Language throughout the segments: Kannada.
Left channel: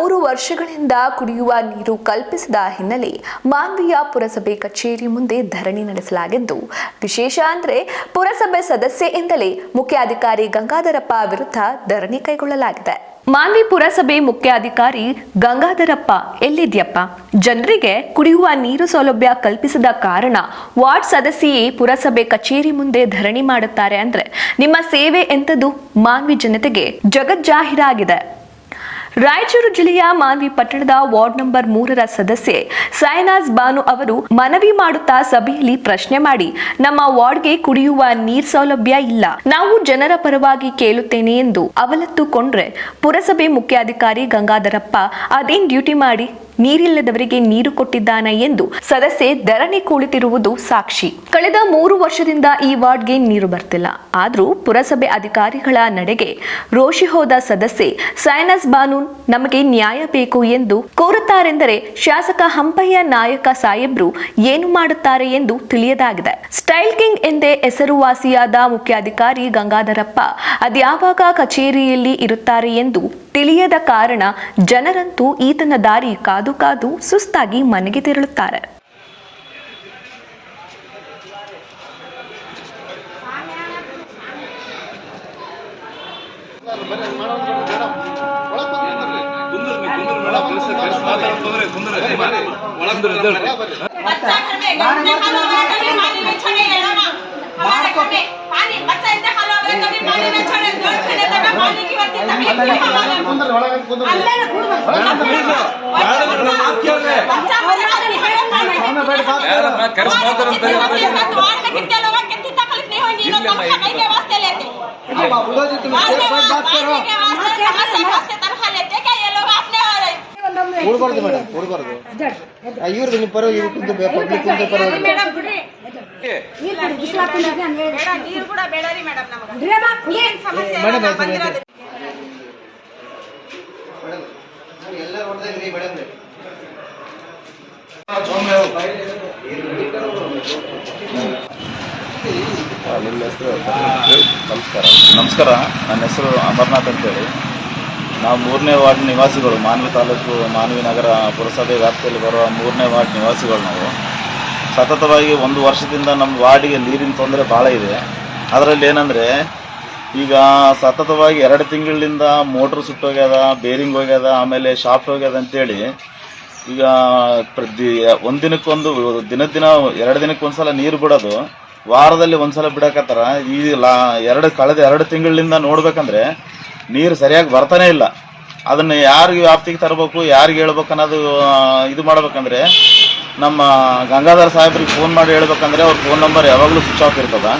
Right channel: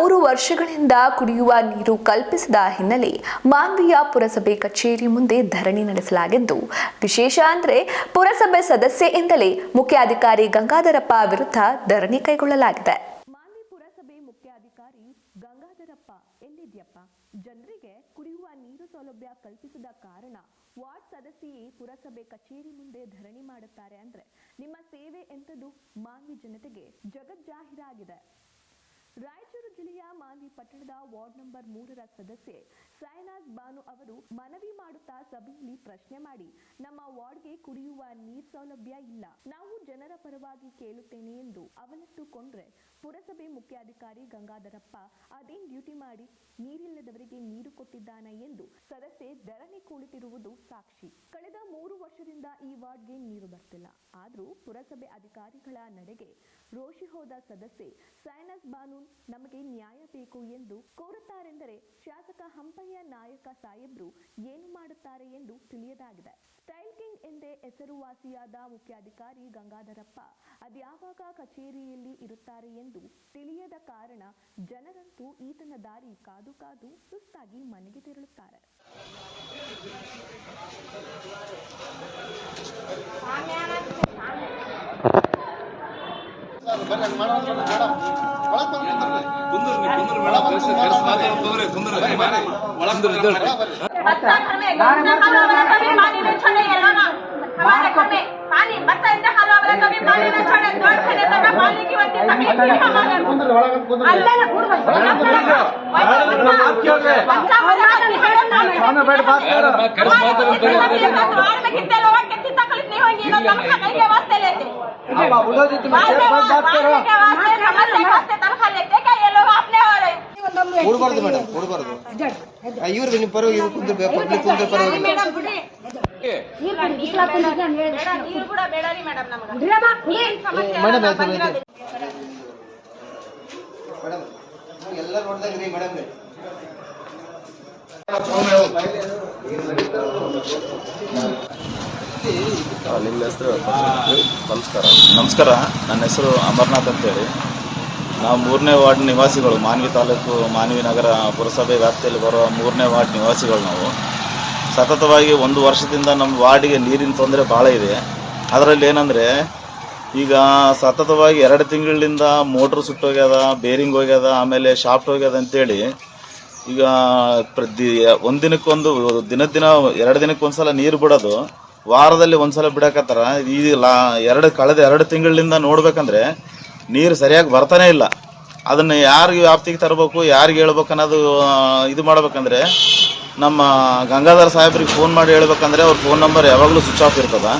ಮೂರು ವರ್ಷಗಳಿಂದ ಕುಡಿಯುವ ನೀರು ಕಲ್ಪಿಸಿದ ಹಿನ್ನೆಲೆ ಮಾನ್ವಿಯ ಪುರಸಭೆ ಕಚೇರಿ ಮುಂದೆ ಧರಣಿ ನಡೆಸಲಾಗಿದ್ದು, ವಿಶೇಷ ಅಂದ್ರೆ ಪುರಸಭೆ ಸದಸ್ಯೆಯಿಂದಲೇ ಮುಖ್ಯಾಧಿಕಾರಿ ಗಂಗಾಧರಪ್ಪ ವಿರುದ್ಧ ಧರಣಿ ಕೈಗೊಳ್ಳಲಾಗಿದೆ. ಮಾನ್ವಿ ಪುರಸಭೆ ಮುಖ್ಯಾಧಿಕಾರಿ ಗಂಗಾಧರಪ್ಪ, ಎಲ್ಲಿದ್ಯಪ್ಪ? ಜನರಿಗೆ ಕುಡಿಯುವ ನೀರು ಸೌಲಭ್ಯ ಕಲ್ಪಿಸದ ಕಾರಣ ವಾರ್ಡ್ ಸದಸ್ಯೆಯೇ ಪುರಸಭೆ ಕಚೇರಿ ಮುಂದೆ ಧರಣಿ ಮಾಡುತ್ತಾರೆ ಅಂದ್ರೆ ನಿಮ್ಮ ಸೇವೆ ಎಂಥದ್ದು ಮಾನ್ವಿ ಜನತೆಗೆ ಜಗಜ್ಜಾಹೀರಾಗಿದೆ. ರಾಯಚೂರು ಜಿಲ್ಲೆಯ ಮಾನ್ವಿ ಪಟ್ಟಣದ ವಾರ್ಡ್ ನಂಬರ್ ಮೂರರ ಸದಸ್ಯೆ ಸೈನಾಜ್ ಬಾನು ಅವರು ಮನವಿ ಮಾಡುತ್ತಾ ಸಭೆಯಲ್ಲಿ ಪ್ರಶ್ನೆ ಮಾಡಿ, ನಮ್ಮ ವಾರ್ಡ್ಗೆ ಕುಡಿಯುವ ನೀರ್ ಸೌಲಭ್ಯ ಇಲ್ಲ, ನಾವು ಜನರ ಪರವಾಗಿ ಕೇಳುತ್ತೇನೆ ಎಂದು ಅವಲತ್ತುಕೊಂಡ್ರೆ ಪುರಸಭೆ ಮುಖ್ಯಾಧಿಕಾರಿ ಗಂಗಾಧರಪ್ಪ, ಅದೇನ್ ಡ್ಯೂಟಿ ಮಾಡಿ? ನೀರಿಲ್ಲದವರಿಗೆ ನೀರು ಕೊಟ್ಟಿದ್ದಾನೆ ಎಂದು ಸದಸ್ಯೆ ಧರಣಿ ಕುಳಿತಿರುವುದು ಸಾಕ್ಷಿ. ಕಳೆದ ಮೂರು ವರ್ಷದಿಂದ ಈ ವಾರ್ಡ್ಗೆ ನೀರು ಬರ್ತಿಲ್ಲ. ಆದರೂ ಪುರಸಭೆ ಅಧಿಕಾರಿಗಳ ನಡೆಗೆ ರೋಷಿ ಹೋದ ಸದಸ್ಯೆ, ಸೈನಸ್ ಬಾನೂನ್ ನಮಗೆ ನ್ಯಾಯ ಬೇಕು ಎಂದು ಕೋರುತ್ತಾರೆಂದರೆ ಶಾಸಕ ಹಂಪಯ್ಯ ನಾಯಕ ಸಾಹೇಬ್ರು ಏನು ಮಾಡುತ್ತಾರೆ ಎಂದು ತಿಳಿಯದಾಗಿದೆ. ಸ್ಟೈಲ್ ಕಿಂಗ್ ಎಂದೇ ಹೆಸರುವಾಸಿಯಾದ ಮುಖ್ಯಾಧಿಕಾರಿ ಗಂಗಾಧರಪ್ಪ, ಅದ್ಯಾವಾಗ ಕಚೇರಿಯಲ್ಲಿ ಇರುತ್ತಾರೆ ಎಂದು ತಿಳಿಯದ ಕಾರಣ ಜನರಂತೂ ಈತನ ದಾರಿ ಕಾದು ಕಾದು ಸುಸ್ತಾಗಿ ಮನೆಗೆ ತೆರಳುತ್ತಾರೆ ಕುಂದ್ರ ಕುಂದ್ರ ಮೇಡಮ್ ಕೆಲಸ ಕೆಲಸ ಮಾತಾಡ್ತಂದ್ರೆ ಕುಂದ್ರ ಒಳಗೆ बच्चा घर में गंदा खाना वाला कभी पानी नहीं छोड़ेगा ना हमारे घर में पानी बच्चा इतना खाना वाला कभी पानी नहीं छोड़े दो छने तक पानी की वजह तकलीफ नहीं हमारे अल्लाह ने बाबूलो जी तुम बात करो समस्या वास्ते तनखा लेते क्या ये लोग ಉಳ್ಬಾರ್ದು ಮೇಡಮ್ ಉಳ್ಬಾರ್ದು. ಇವ್ರದ್ದು ನಿಮ್ಮ ಪರವಾಗಿ ಕುಂದ್ರ ಪಬ್ಲಿಕ್ ಕುಂದ್ರ ಪರವಾಗಿ ಮೇಡಮ್ ಮೇಡಮ್ ನಿಮ್ಮ ಹೆಸರು? ನಮಸ್ಕಾರ. ನಮಸ್ಕಾರ. ನನ್ನ ಹೆಸರು ಅಮರ್ನಾಥ್ ಅಂತೇಳಿ. ನಾವು ಮೂರನೇ ವಾರ್ಡ್ ನಿವಾಸಿಗಳು, ಮಾನ್ವಿ ತಾಲೂಕು, ಮಾನ್ವಿ ನಗರ ಪುರಸಭೆ ವ್ಯಾಪ್ತಿಯಲ್ಲಿ ಬರುವ ಮೂರನೇ ವಾರ್ಡ್ ನಿವಾಸಿಗಳು ನಾವು. ಸತತವಾಗಿ ಒಂದು ವರ್ಷದಿಂದ ನಮ್ಮ ವಾರ್ಡಿಗೆ ನೀರಿನ ತೊಂದರೆ ಭಾಳ ಇದೆ. ಅದರಲ್ಲಿ ಏನಂದರೆ, ಈಗ ಸತತವಾಗಿ ಎರಡು ತಿಂಗಳಿಂದ ಮೋಟ್ರ್ ಸುಟ್ಟೋಗ್ಯದ, ಬೇರಿಂಗ್ ಹೋಗ್ಯದ, ಆಮೇಲೆ ಶಾಫ್ಟ್ ಹೋಗ್ಯದ ಅಂತೇಳಿ, ಈಗ ಪ್ರತಿ ಒಂದಿನಕ್ಕೊಂದು ದಿನ ದಿನ ಎರಡು ದಿನಕ್ಕೆ ಒಂದ್ಸಲ ನೀರು ಬಿಡೋದು, ವಾರದಲ್ಲಿ ಒಂದ್ಸಲ ಬಿಡಕತ್ತಾರ. ಈ ಲಾ ಎರಡು, ಕಳೆದ ಎರಡು ತಿಂಗಳಿಂದ ನೋಡ್ಬೇಕಂದ್ರೆ ನೀರು ಸರಿಯಾಗಿ ಬರ್ತಾನೆ ಇಲ್ಲ. ಅದನ್ನು ಯಾರಿಗೆ ವ್ಯಾಪ್ತಿಗೆ ತರಬೇಕು, ಯಾರಿಗೆ ಹೇಳ್ಬೇಕು ಅನ್ನೋದು ಇದು ಮಾಡ್ಬೇಕಂದ್ರೆ ನಮ್ಮ ಗಂಗಾಧರ ಸಾಹೇಬ್ರಿಗೆ ಫೋನ್ ಮಾಡಿ ಹೇಳ್ಬೇಕಂದ್ರೆ ಅವ್ರ ಫೋನ್ ನಂಬರ್ ಯಾವಾಗಲೂ ಸ್ವಿಚ್ ಆಫ್ ಇರ್ತದೆ.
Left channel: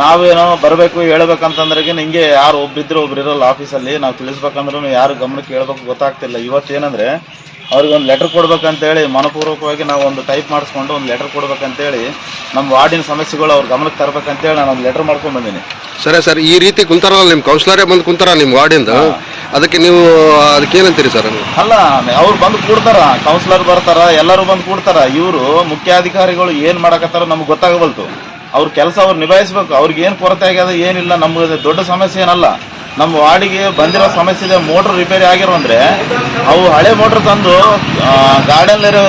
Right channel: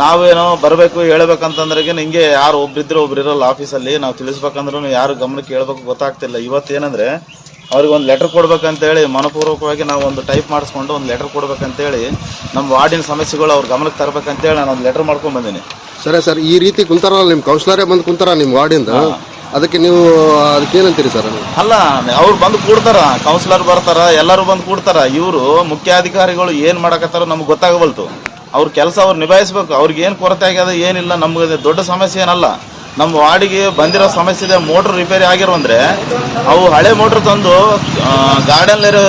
ನಾವೇನೋ ಬರಬೇಕು ಹೇಳ್ಬೇಕಂತಂದ್ರೆ ನಿಮಗೆ ಯಾರು ಒಬ್ರಿದ್ರೆ ಒಬ್ರು ಇರೋಲ್ಲ ಆಫೀಸಲ್ಲಿ ನಾವು ತಿಳಿಸ್ಬೇಕಂದ್ರೂ ಯಾರು ಗಮನಕ್ಕೆ ಹೇಳ್ಬೇಕು ಗೊತ್ತಾಗ್ತಿಲ್ಲ. ಇವತ್ತೇನಂದರೆ ಅವ್ರಿಗೆ ಒಂದು ಲೆಟ್ರ್ ಕೊಡ್ಬೇಕಂತೇಳಿ ಮನಪೂರ್ವಕವಾಗಿ ನಾವು ಒಂದು ಟೈಪ್ ಮಾಡಿಸ್ಕೊಂಡು ಒಂದು ಲೆಟ್ರ್ ಕೊಡ್ಬೇಕಂತೇಳಿ ನಮ್ಮ ವಾರ್ಡಿನ ಸಮಸ್ಯೆಗಳು ಅವ್ರ ಗಮನಕ್ಕೆ ತರಬೇಕಂತೇಳಿ ನಾನು ಒಂದು ಲೆಟ್ರ್ ಮಾಡ್ಕೊಂಡು ಬಂದೀನಿ. ಸರಿ ಸರ್ ಈ ರೀತಿ ಕುಂತಾರಲ್ಲ ನಿಮ್ಮ ಕೌನ್ಸಿಲರೇ ಬಂದು ಕುಂತಾರ ನಿಮ್ಮ ವಾರ್ಡಿಂದ? ಅದಕ್ಕೆ ನೀವು ಅದಕ್ಕೇನಂತೀರಿ ಸರ್? ಅಲ್ಲ ಅವ್ರು ಬಂದು ಕೂಡ್ತಾರ ಕೌನ್ಸಿಲರ್ ಬರ್ತಾರ ಎಲ್ಲರೂ ಬಂದು ಕೂಡ್ತಾರ. ಇವರು ಮುಖ್ಯಾಧಿಕಾರಿಗಳು ಏನ್ ಮಾಡಕತ್ತಾರ ನಮ್ಗೆ ಗೊತ್ತಾಗಬಲ್ತು ಅವ್ರ ಕೆಲಸ ಅವ್ರು ನಿಭಾಯಿಸ್ಬೇಕು. ಅವ್ರಿಗೆ ಏನ್ ಕೊರತೆ ಆಗ್ಯದ ಏನಿಲ್ಲ ನಮ್ಗೆ ದೊಡ್ಡ ಸಮಸ್ಯೆ ಏನಲ್ಲ. ನಮ್ಮ ವಾರ್ಡಿಗೆ ಬಂದಿರೋ ಸಮಸ್ಯೆ ಇದೆ ಮೋಟ್ರ್ ರಿಪೇರಿ ಆಗಿರೋ ಅಂದ್ರೆ ಅವು ಹಳೆ ಮೋಟ್ರ್ ತಂದು ಗಾರ್ಡನ್ ಇರೋ